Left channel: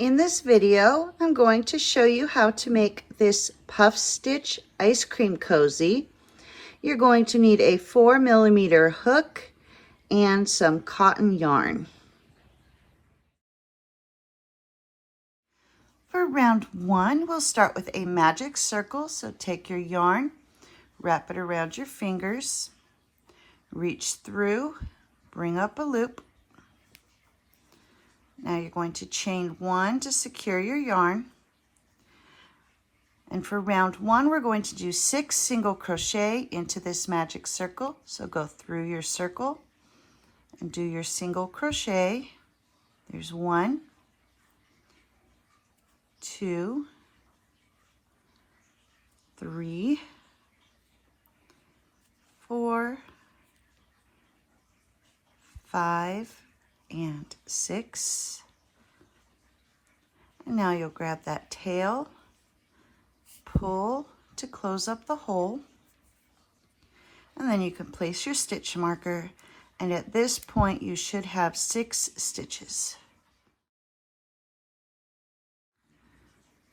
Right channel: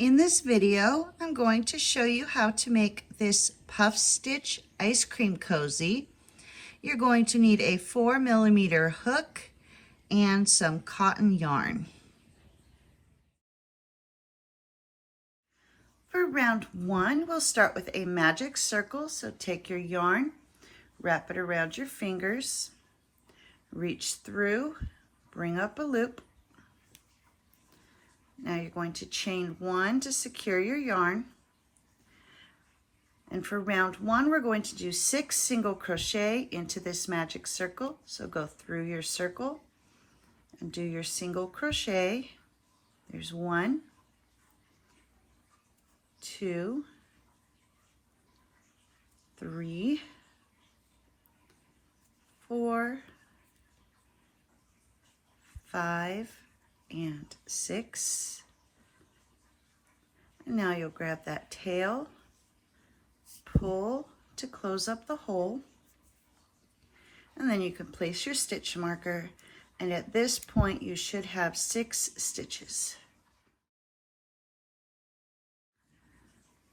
In this video, I'm going to show you how to make this puff stitch ice cream cozy. You're going to need a 4mm hook and some cotton yarn. For round 1, we'll start with a magic circle. So take your yarn, wrap it around your fingers, reach through, bring up a loop. Now you're going to chain 1 to secure your yarn. And for round 1, we're going to do 6 single crochet into this magic circle. So go through your circle and do your single crochet. There's 1, 2, 3, 4, 5, and 6. And now you'll grab that tail, pull to close up the hole, and then you can place your stitch marker, and at this point you should have 6 stitches.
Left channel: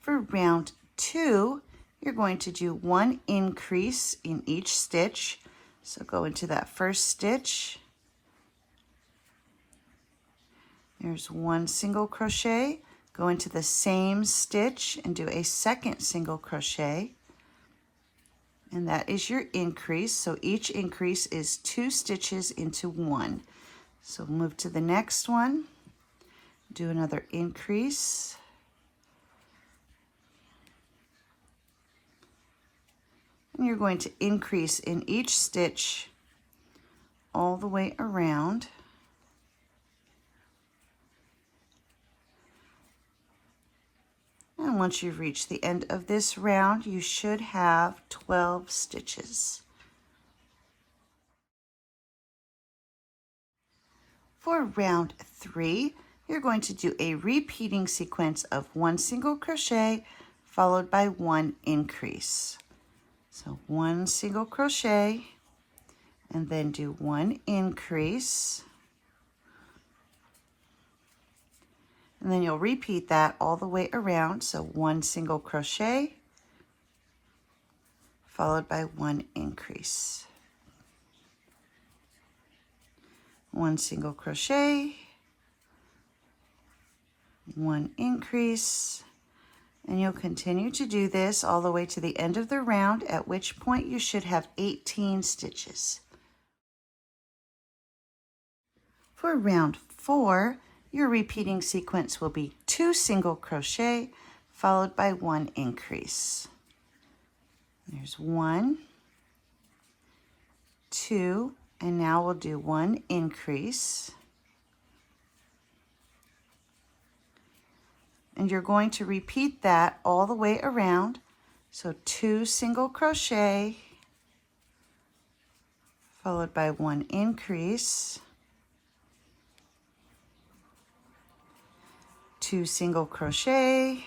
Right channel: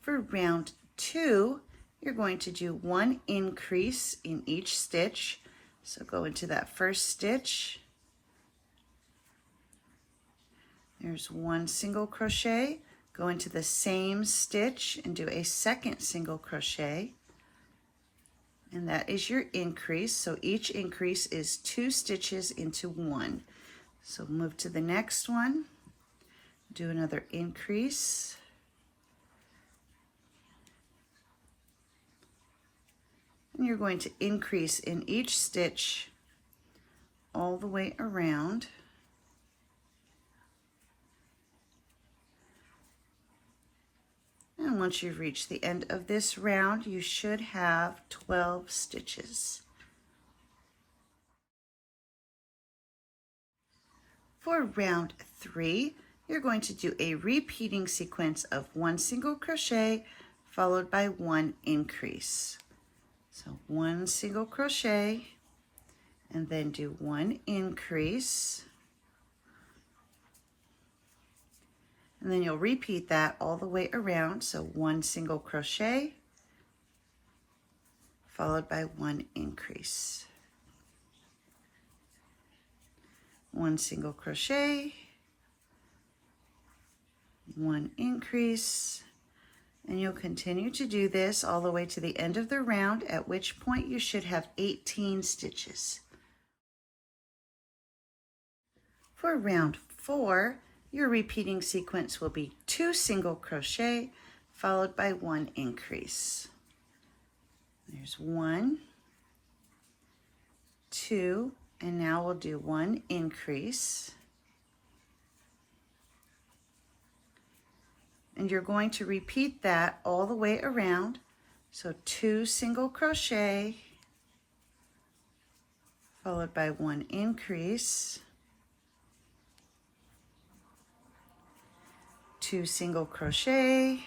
For round 2, you're going to do 1 increase in each stitch. So go into that first stitch. There's 1 single crochet, go into the same stitch and do a second single crochet, and that is your increase. So each increase is 2 stitches into 1. So move to the next one, do another increase, and you're going to increase in each stitch all the way around. And once you've reached the end of this round, you should have 12 stitches. For round 3, you're going to do a repeating sequence of 1 single crochet followed by 1 increase. So 1 single crochet and then do 1 increase. And then you'll repeat that all the way around. So 1 single crochet followed by 1 increase. 1 single crochet, 1 increase, and you'll continue to do this all the way to the end of the round, at which point you should have 18 stitches. For round 4, your repeating sequence will be 2 single crochet followed by 1 increase. There's 1, 2, and now we'll do 1 increase. And you're going to repeat that all the way around. So 2 single crochet followed by 1 increase. 2 single crochet,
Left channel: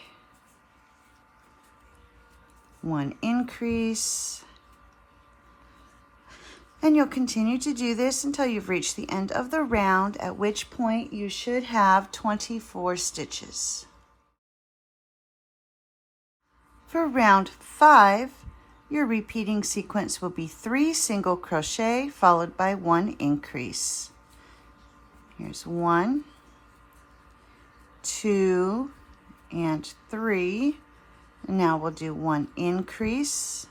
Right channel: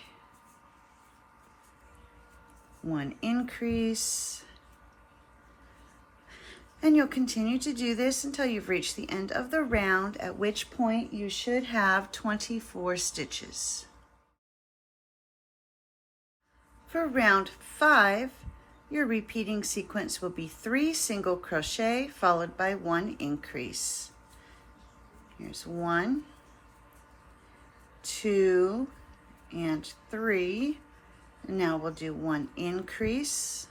1 increase, and you'll continue to do this until you've reached the end of the round, at which point you should have 24 stitches. For round 5, your repeating sequence will be 3 single crochet followed by 1 increase. Here's 1, 2, and 3. And now we'll do 1 increase.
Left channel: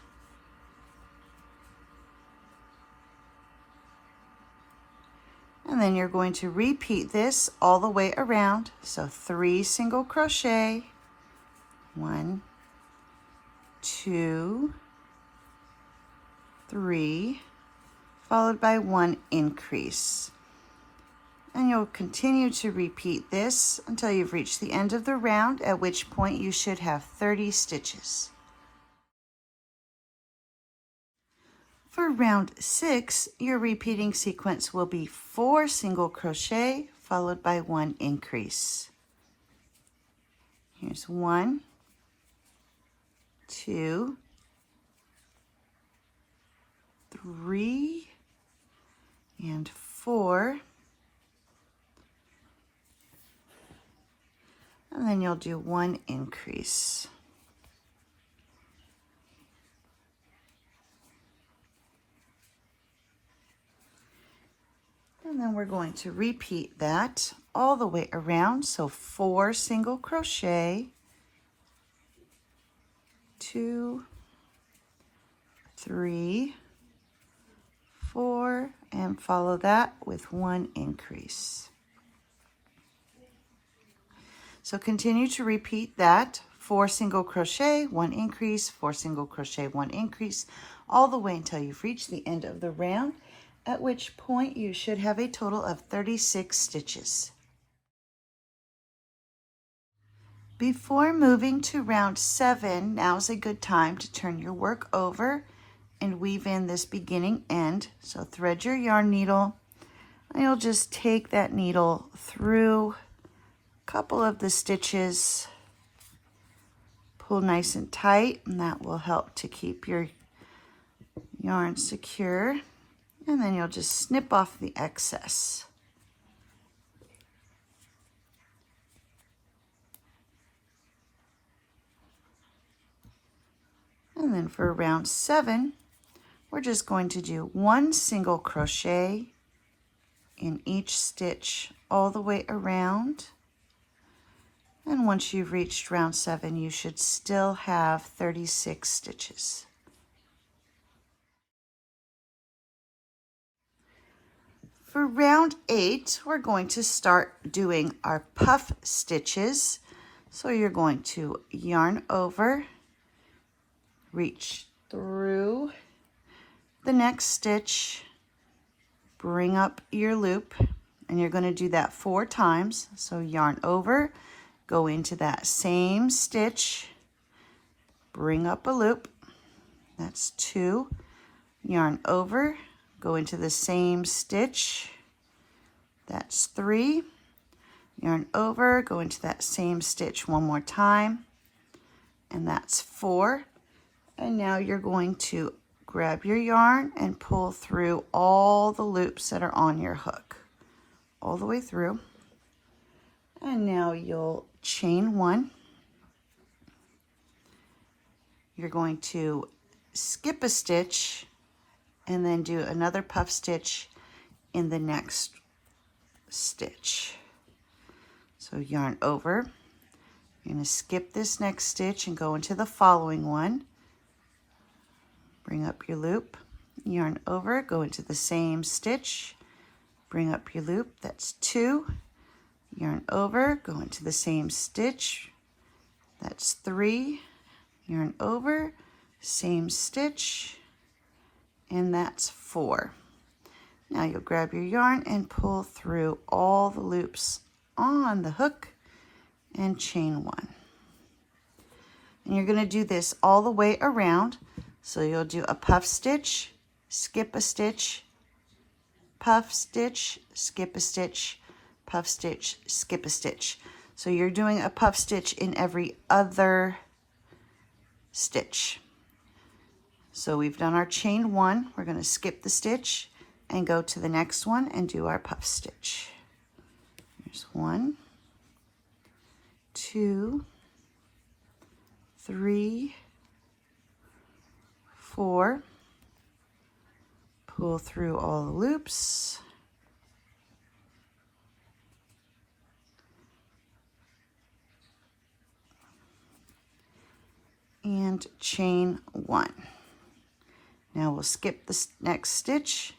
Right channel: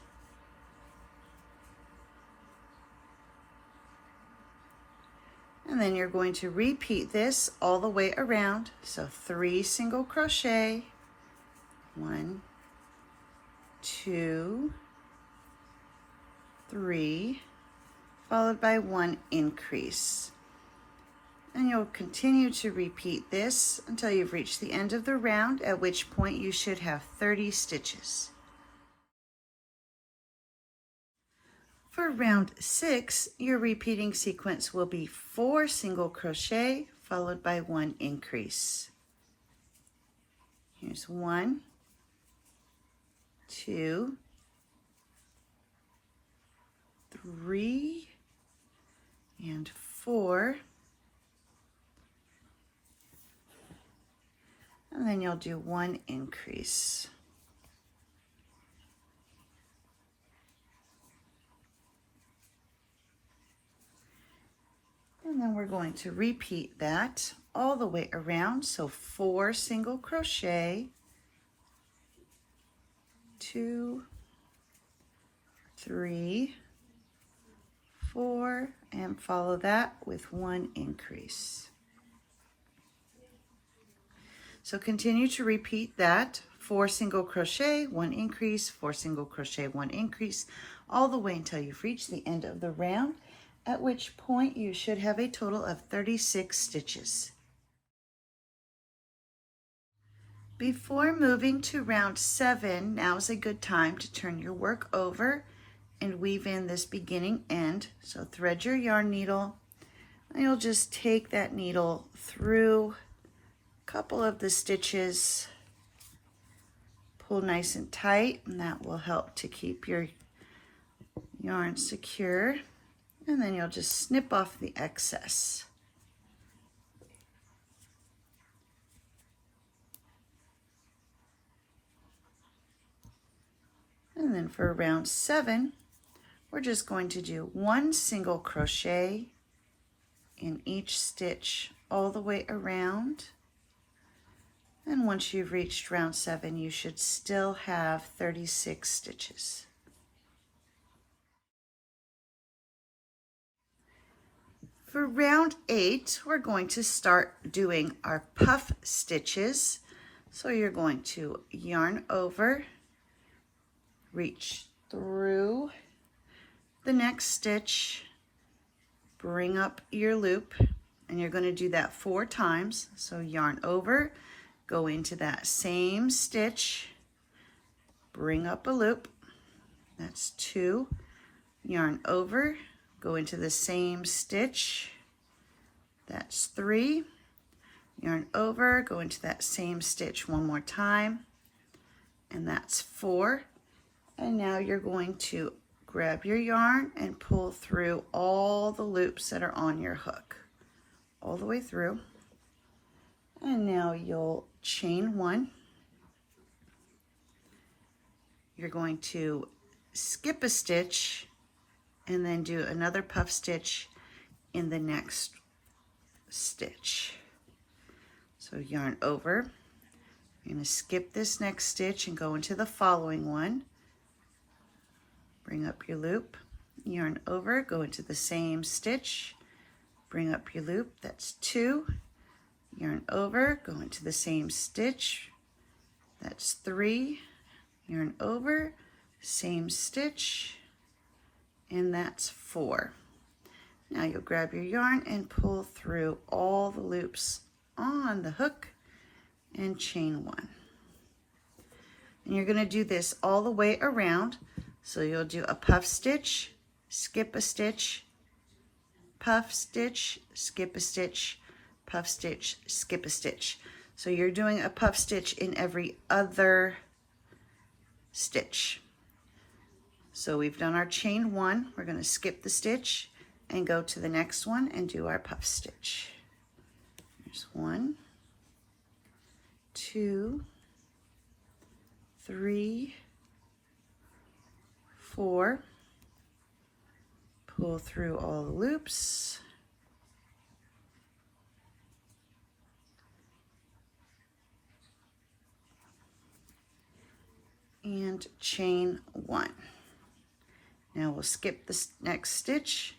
And then you're going to repeat this all the way around. So 3 single crochet, 1, 2, 3, followed by 1 increase. And you'll continue to repeat this until you've reached the end of the round, at which point you should have 30 stitches. For round 6, your repeating sequence will be 4 single crochet followed by 1 increase. Here's 1, 2, 3, and 4. And then then you'll do 1 increase. And then we're going to repeat that all the way around. So 4 single crochet, 2, 3, 4, and follow that with 1 increase. So continue to repeat that, 4 single crochet, 1 increase, 4 single crochet, 1 increase, all the way until you've reached the end of the round, at which point you should have a total of 36 stitches. Before moving to round 7, now is a good time to turn your work over and weave in this beginning end. So thread your yarn needle, and you'll just take that needle through a couple of the stitches, pull nice and tight, and that will help to keep your yarn secure. And then you'll just snip off the excess. And then for round 7, we're just going to do 1 single crochet in each stitch all the way around. And once you've reached round 7, you should still have 36 stitches. For round 8, we're going to start doing our puff stitches. So you're going to yarn over, reach through the next stitch, bring up your loop, and you're going to do that 4 times. So yarn over, go into that same stitch, bring up a loop, that's 2, yarn over, go into the same stitch, that's 3, yarn over, go into that same stitch one more time, and that's 4. And now you're going to grab your yarn and pull through all the loops that are on your hook, all the way through. And now you'll chain 1. You're going to skip a stitch and then do another puff stitch in the next stitch. So yarn over, you're going to skip this next stitch and go into the following one. Bring up your loop, yarn over, go into the same stitch, bring up your loop, that's 2, yarn over, go into the same stitch, that's 3, yarn over, same stitch, and that's 4. Now you'll grab your yarn and pull through all the loops on the hook and chain 1. And you're going to do this all the way around. So you'll do a puff stitch, skip a stitch, puff stitch, skip a stitch, puff stitch, skip a stitch. So you're doing a puff stitch in every other stitch. So we've done our chain 1. We're going to skip the stitch and go to the next one and do our puff stitch. There's 1, 2, 3, 4, pull through all the loops, and chain 1. Now we'll skip this next stitch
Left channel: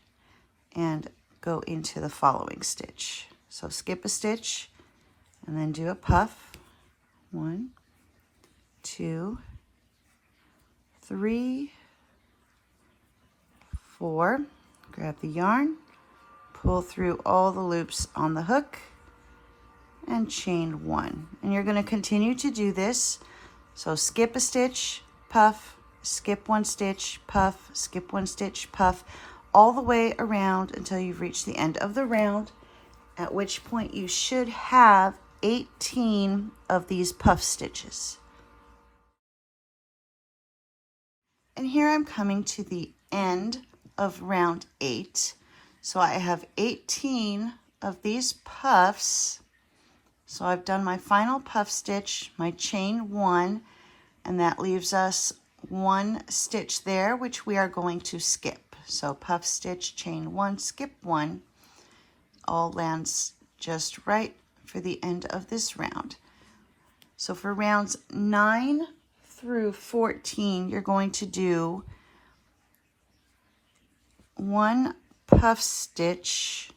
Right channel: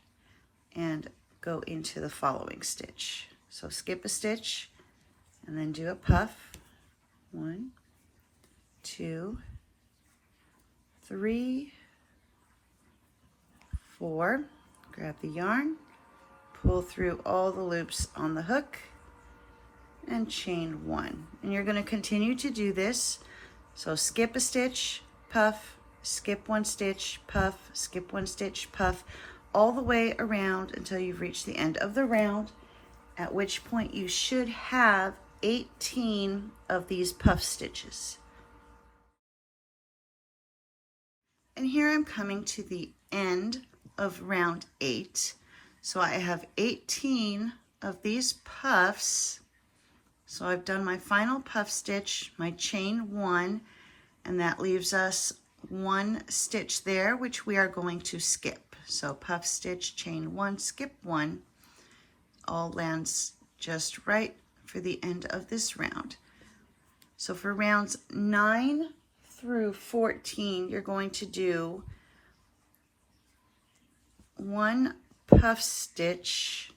and go into the following stitch. So skip a stitch and then do a puff. 1, 2, 3, 4, grab the yarn, pull through all the loops on the hook, and chain 1. And you're going to continue to do this. So skip a stitch, puff, skip 1 stitch, puff, skip 1 stitch, puff, all the way around until you've reached the end of the round, at which point you should have 18 of these puff stitches. And here I'm coming to the end of round 8. So I have 18 of these puffs So I've done my final puff stitch, my chain 1, and that leaves us 1 stitch there, which we are going to skip. So puff stitch, chain 1, skip 1, all lands just right for the end of this round. So for rounds 9 through 14, you're going to do 1 puff stitch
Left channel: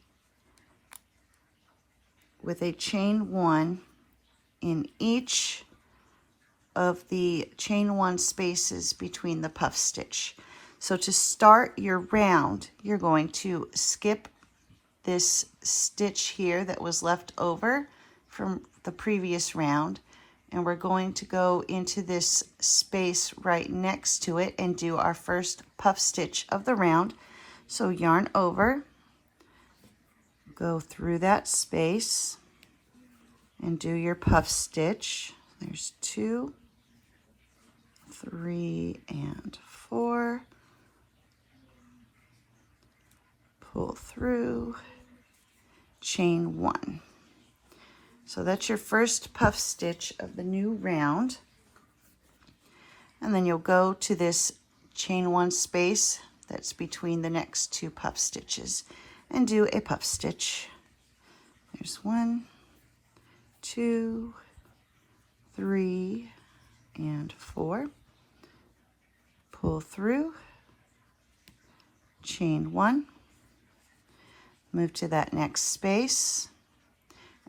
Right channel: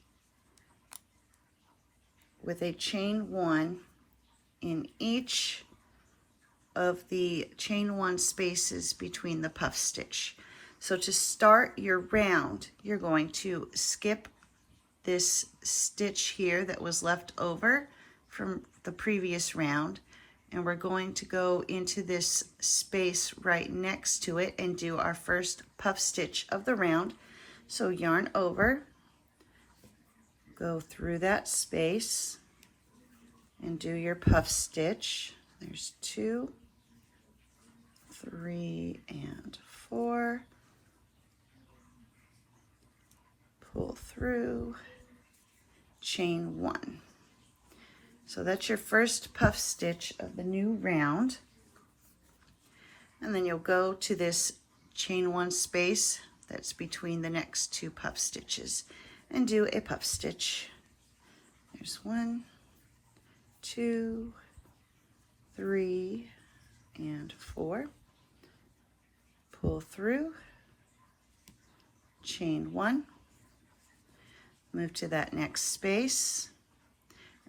with a chain 1 in each of the chain 1 spaces between the puff stitch. So to start your round, you're going to skip this stitch here that was left over from the previous round, and we're going to go into this space right next to it and do our first puff stitch of the round. So yarn over, go through that space and do your puff stitch. There's 2, 3, and 4. Pull through, chain 1. So that's your first puff stitch of the new round. And then you'll go to this chain 1 space that's between the next 2 puff stitches and do a puff stitch. There's 1, 2, 3, and 4. Pull through, chain 1, move to that next space,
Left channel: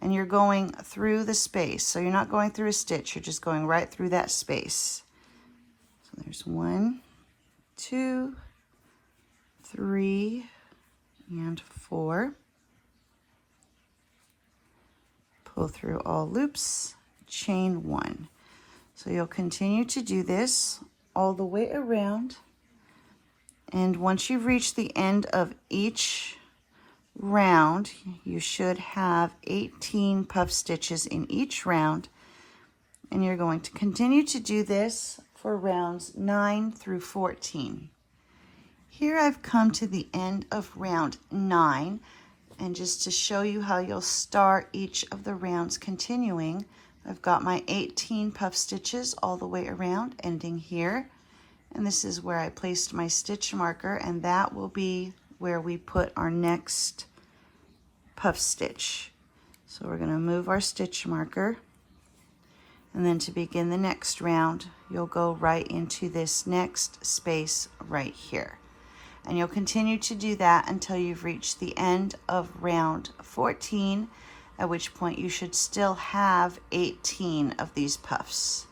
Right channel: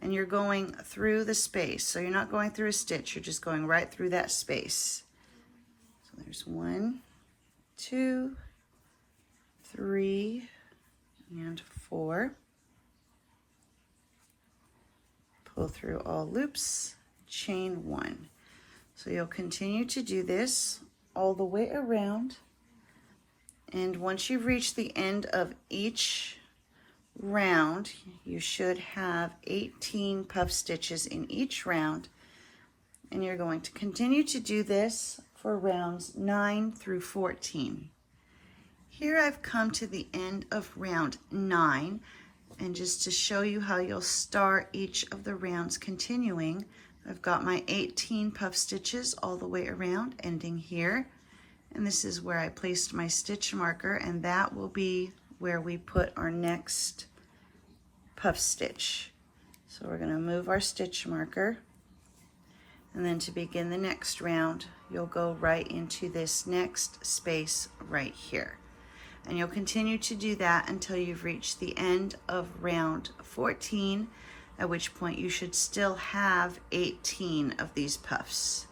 and you're going through the space. So you're not going through a stitch, you're just going right through that space. So there's 1, 2, 3, and 4. Pull through all loops, chain 1. So you'll continue to do this all the way around, and once you've reached the end of each round, you should have 18 puff stitches in each round, and you're going to continue to do this for rounds 9 through 14. Here I've come to the end of round 9, and just to show you how you'll start each of the rounds continuing, I've got my 18 puff stitches all the way around, ending here, and this is where I placed my stitch marker, and that will be where we put our next puff stitch. So we're going to move our stitch marker, and then to begin the next round, you'll go right into this next space right here. And you'll continue to do that until you've reached the end of round 14, at which point you should still have 18 of these puffs.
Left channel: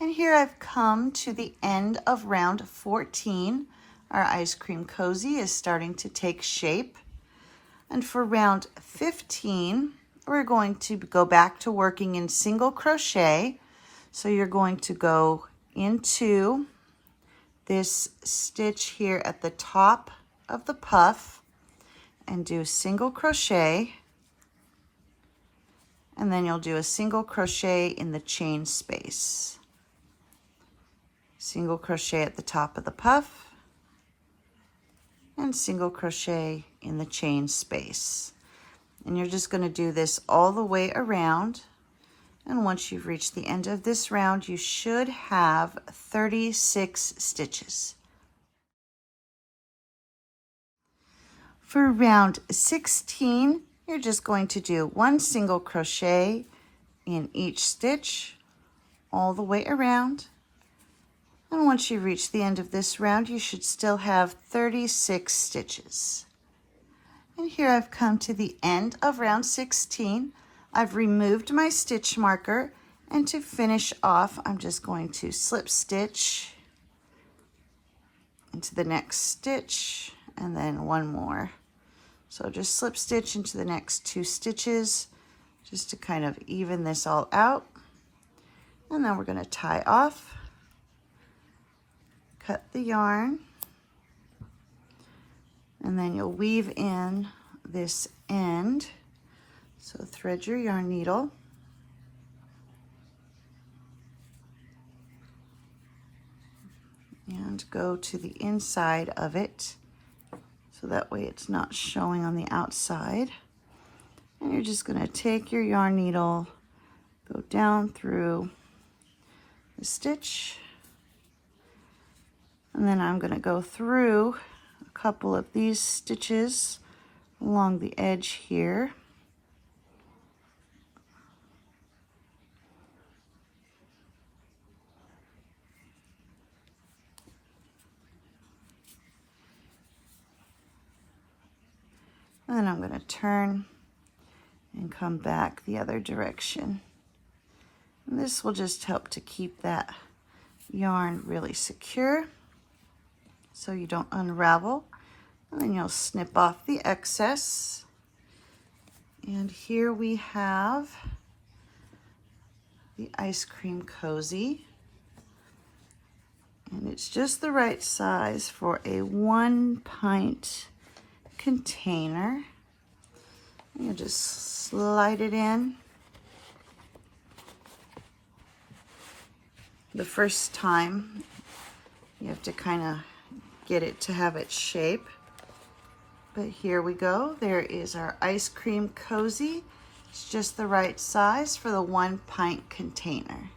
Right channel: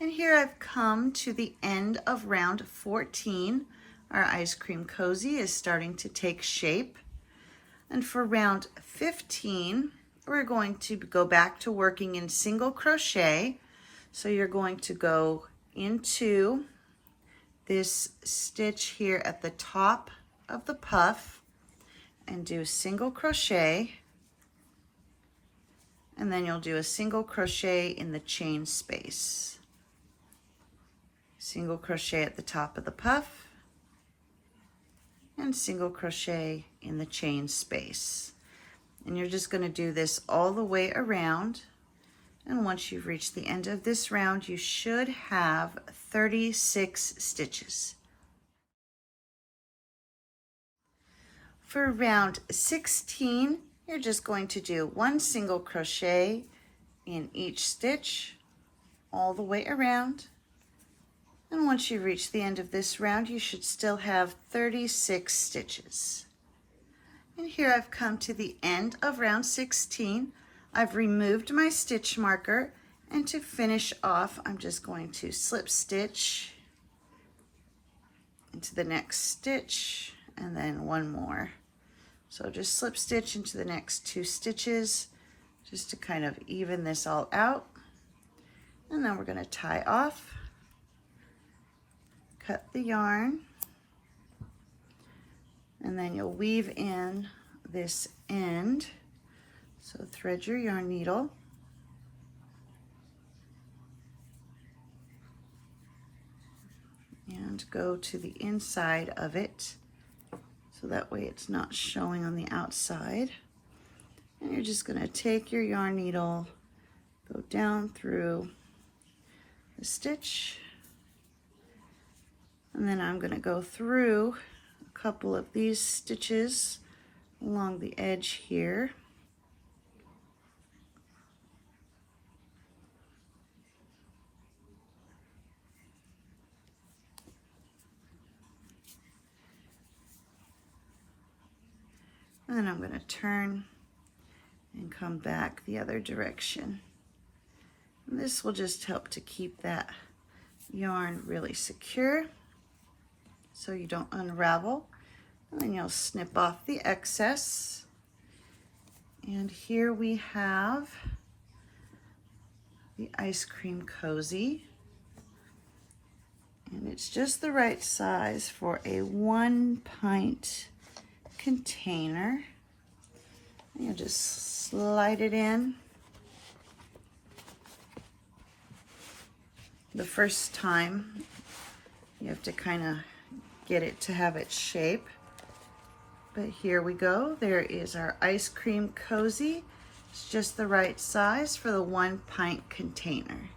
And here I've come to the end of round 14. Our ice cream cozy is starting to take shape. And for round 15, we're going to go back to working in single crochet. So you're going to go into this stitch here at the top of the puff and do single crochet, and then you'll do a single crochet in the chain space. Single crochet at the top of the puff and single crochet in the chain space. And you're just going to do this all the way around. And once you've reached the end of this round, you should have 36 stitches. For round 16, you're just going to do 1 single crochet in each stitch all the way around. And once you reach the end of this round, you should still have 36 stitches. And here I've come to the end of round 16. I've removed my stitch marker, and to finish off, I'm just going to slip stitch into the next stitch and then 1 more. So just slip stitch into the next 2 stitches just to kind of even this all out. And then we're going to tie off, cut the yarn, and then you'll weave in this end. So thread your yarn needle, and go to the inside of it, so that way it's not showing on the outside. And you're just going to take your yarn needle, go down through the stitch, and then I'm going to go through a couple of these stitches along the edge here. And then I'm going to turn and come back the other direction. And this will just help to keep that yarn really secure so you don't unravel. And then you'll snip off the excess. And here we have the ice cream cozy. And it's just the right size for a 1 pint container. You just slide it in. The first time you have to kind of get it to have its shape. But here we go. There is our ice cream cozy. It's just the right size for the 1 pint container.